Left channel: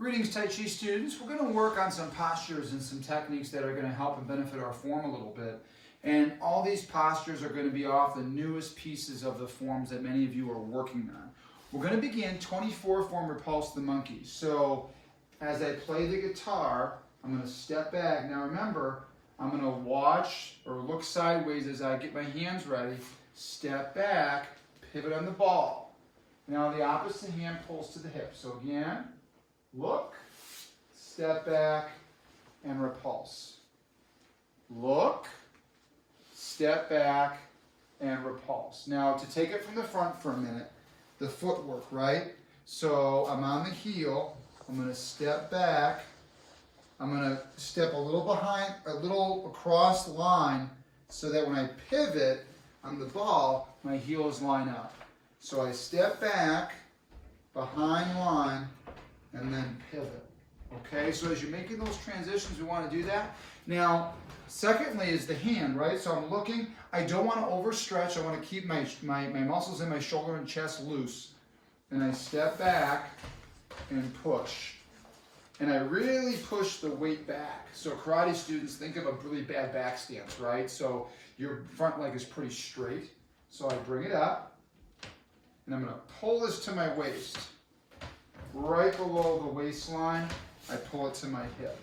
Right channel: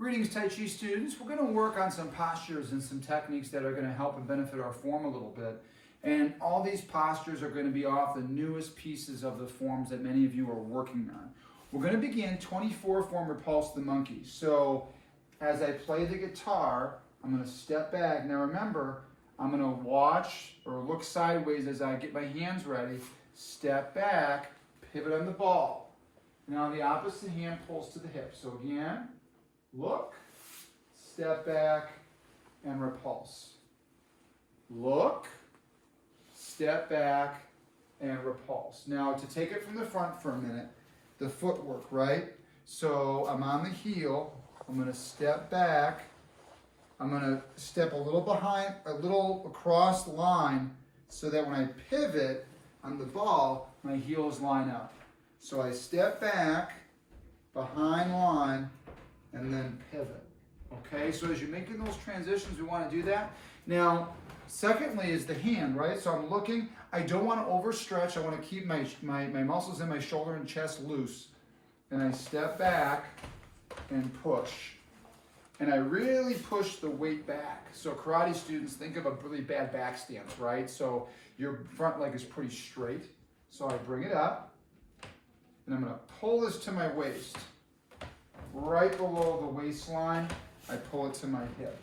Greetings, Tai Chi students. We're going to work on some postures and some techniques that are going to help and benefit our form a little bit. And all these postures are going to be off the newest pieces of the forms that many of you are working on. We're going to begin 24 form Repulse the Monkey. So as I play the guitar, I'm going to step back. Now remember, I'm going to watch or look sideways as I get my hands ready, step back, pivot on the ball. Now the opposite hand pulls to the hip. So again, look, step back, and repulse. Look, step back, and repulse. Now, to take it from the front for a minute, the footwork, right? So I'm on the heel. I'm going to step back. I'm going to step a little behind, a little across the line so that when I pivot on the ball, my heels line up. So I step back, behind line, and then pivot. Okay, so as you're making those transitions, we want to do that. Now, secondly is the hand, right? So I'm looking, I don't want to overstretch. I want to keep my muscles in my shoulder and chest loose. And I step back and push. And I really push the weight back. So karate students, think of a really bad back stance, right? So your front leg is pretty straight. So I bring it up, and I'm going to pull this to my waist. Right below the waistline, I pull it to my hip.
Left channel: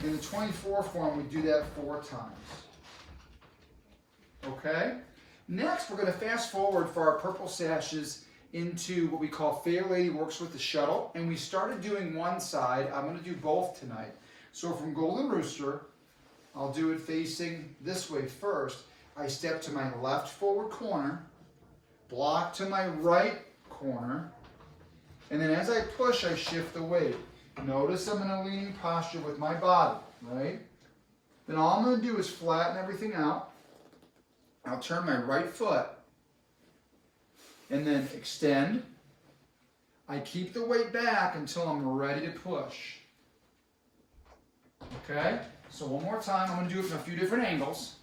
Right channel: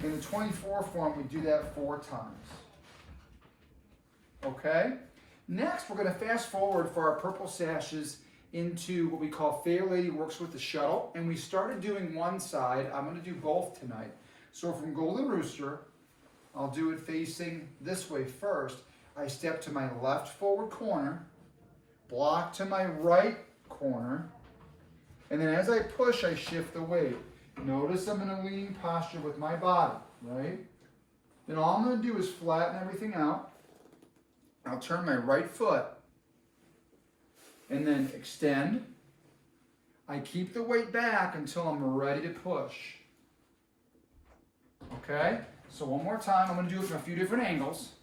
In the 24 form, we do that 4 times. Okay? Next, we're going to fast forward for our purple sashes into what we call Fair Lady Works with the Shuttle. And we started doing one side. I'm going to do both tonight. So from Golden Rooster, I'll do it facing this way first. I step to my left forward corner, block to my right corner, and then as I push, I shift the weight. Notice I'm in a leaning posture with my body, right? Then all I'm going to do is flatten everything out. I'll turn my right foot and then extend. I keep the weight back until I'm ready to push. Okay? So one more time, I'm going to do it from a few different angles.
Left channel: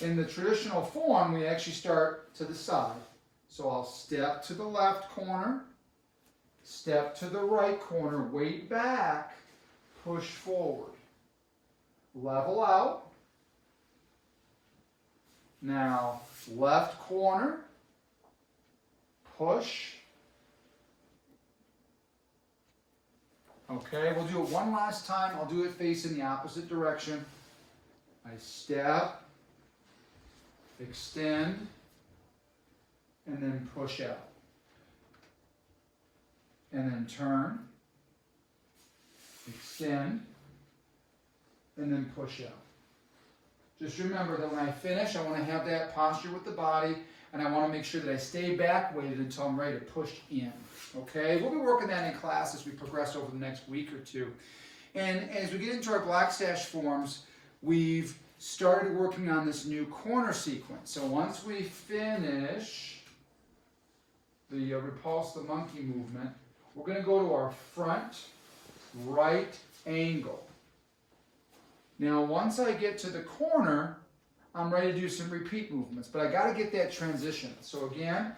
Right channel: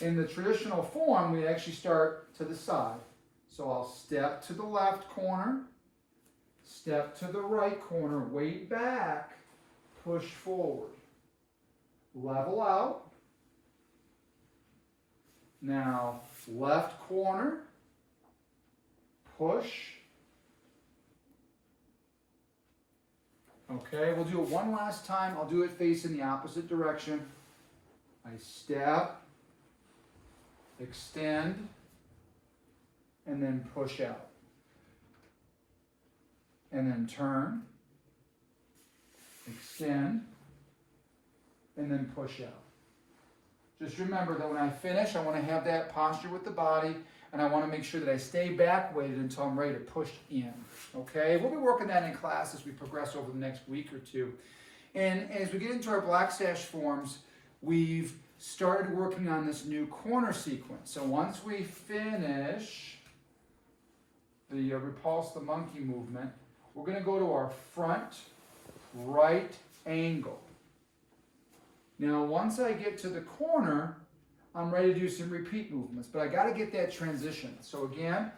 In the traditional form, we actually start to the side. So I'll step to the left corner, step to the right corner, weight back, push forward. Level out. Now, left corner, push. Okay, we'll do it one last time. I'll do it facing the opposite direction. I step, extend, and then push out. And then turn, extend, and then push out. Just remember that when I finish, I want to have that posture with the body, and I want to make sure that I stay back weighted until I'm ready to push in. Okay? We'll be working that in class as we progress over the next week or two. And as we get into our black sash forms, we've started working on this new corner sequence. So once we finish the Repulse the Monkey movement, we're going to go to our front right angle. Now, once I get to the corner, I'm ready to do some repeat movements, but I got to get that transition. So again,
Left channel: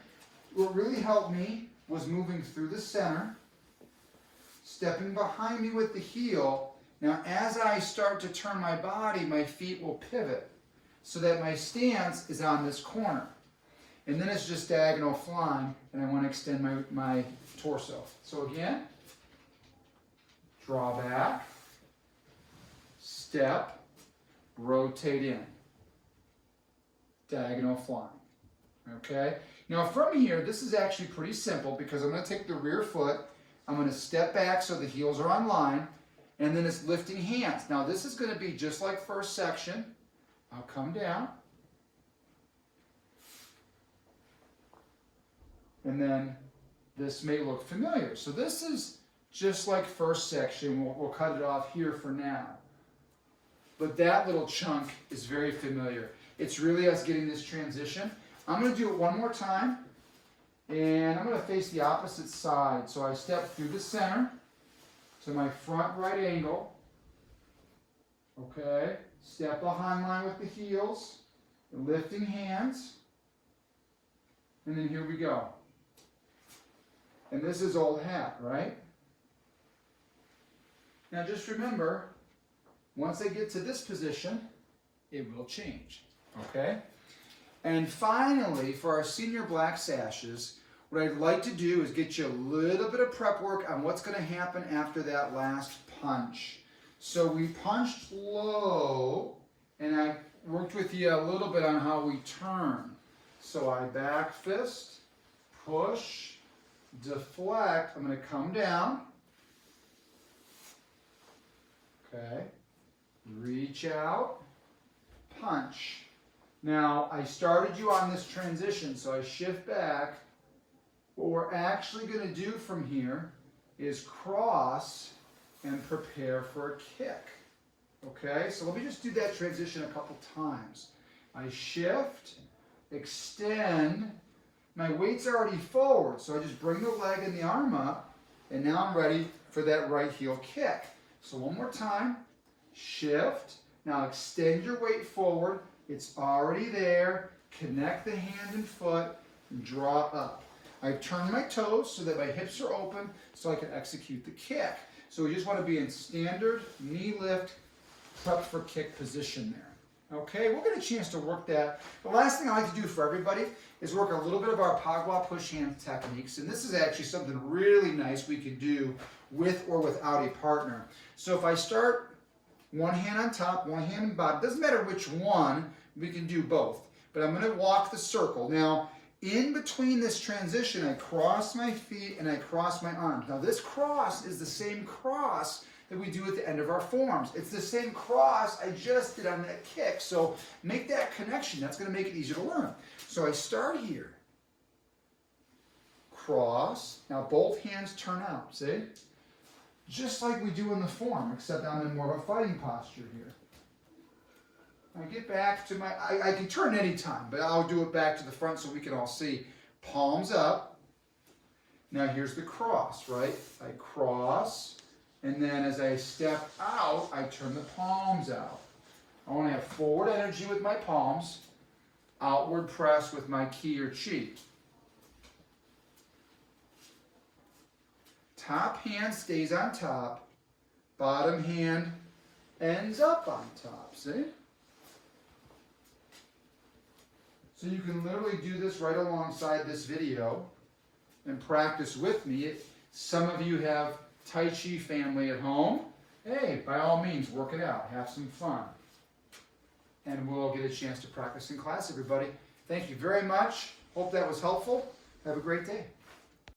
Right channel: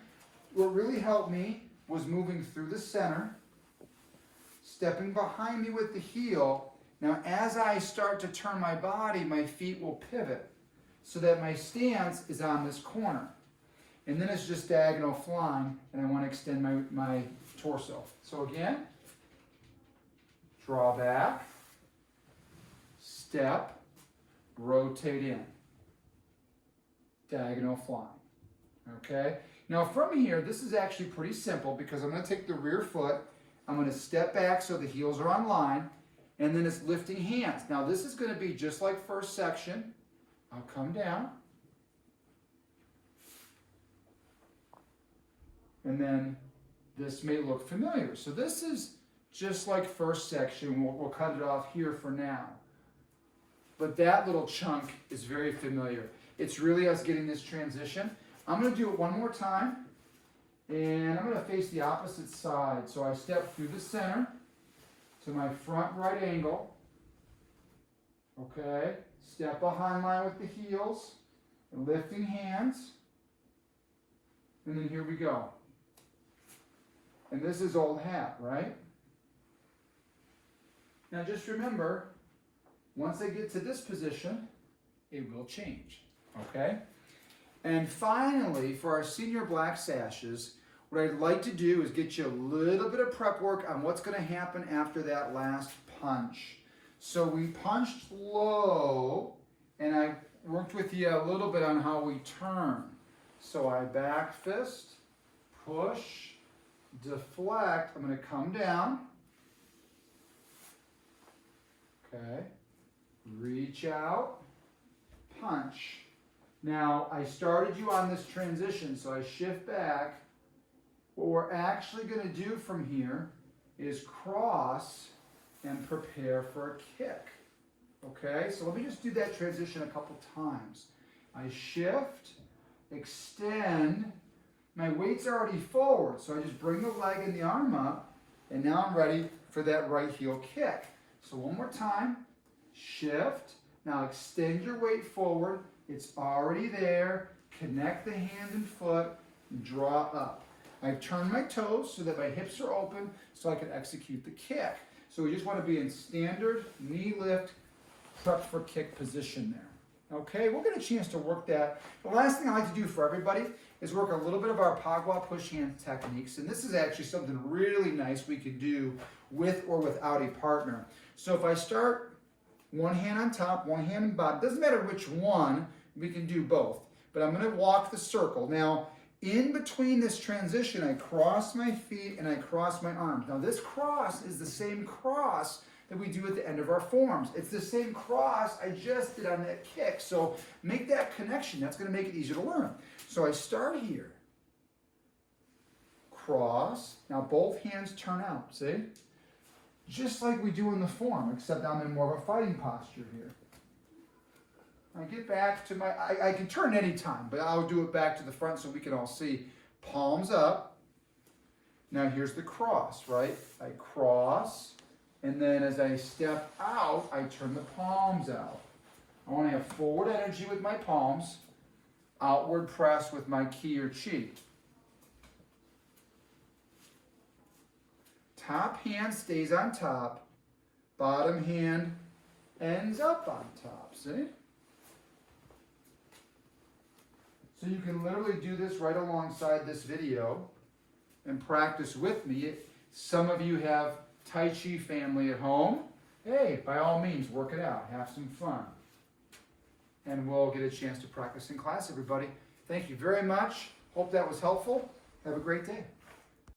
what really helped me was moving through the center, stepping behind me with the heel. Now, as I start to turn my body, my feet will pivot so that my stance is on this corner. And then it's just diagonal flying, and I want to extend my torso. So again, draw back, step, rotate in, diagonal flying. Okay? Now from here, this is actually pretty simple because I'm going to take the rear foot, I'm going to step back so the heels are on line, and then it's lifting hands. Now this is going to be just like first section. I'll come down. And then this may look familiar. So this is just like first section. We'll cut it off here for now. But that little chunk is very familiar. It's really us getting this transition. I'm going to do it one more time. And I'm going to face the opposite side. So I step through the center to my front right angle. Okay. Step behind line with the heels. Lifting hands. And then here we go. And this is old hat, right? Now just remember, once I get to this position, it will change, okay? And finally, for our senior black sashes, what I'd like to do is get you a little bit of prep work on what's going to happen after that last punch. So we punched low, and I worked with you a little bit on how we turn. So I back fist, push, deflect. I'm going to come down. Okay. Reach out, punch. Now, I started you on this transition, so I shift back. What we're actually going to do from here is cross and prepare for a kick. Okay, so let me just do that transition a couple times. I shift, extend. My weight's already forward, so I just bring the leg and the arm up, and now I'm ready for that right heel kick. So one more time, shift. Now extend your weight forward. It's already there. Connect the hand and foot and draw up. I've turned my toes so that my hips are open so I can execute the kick. So we just want to be in standard knee lift, prepped for kick position there. Okay, we'll get a chance to work that. The last thing I like to do for everybody is work a little bit of our Pagua push hand techniques. And this is actually something really nice we could do with or without a partner. So if I start one hand on top, one hand on bottom, doesn't matter which one, we can do both. But I'm going to walk the circle. Now, in between this transition, I cross my feet and I cross my arms. Now this cross is the same cross that we do at the end of our forms. It's the same cross I just did on that kick. So make that connection. That's going to make it easier to learn. So I start here. Cross. Now both hands turn out, see? Just like we do in the form, except I'm in more of a fighting posture here. I get back to my, I can turn any time, but I'll do it back to the front so we can all see. Palms up. Now here's the cross, right? I cross, and then as I step out, I turn the palms out. I want to have forward energy with my palms, outward press with my ki or chi. Top hand stays on top, bottom hand ends up on top, see? So you can literally do this right alongside this video and practice with me. Some of you have Tai Chi family at home. Hey, by all means, work it out. Have some fun. And we'll get a chance to practice in class, everybody. Thank you very much. Hope that was helpful. Have a great day.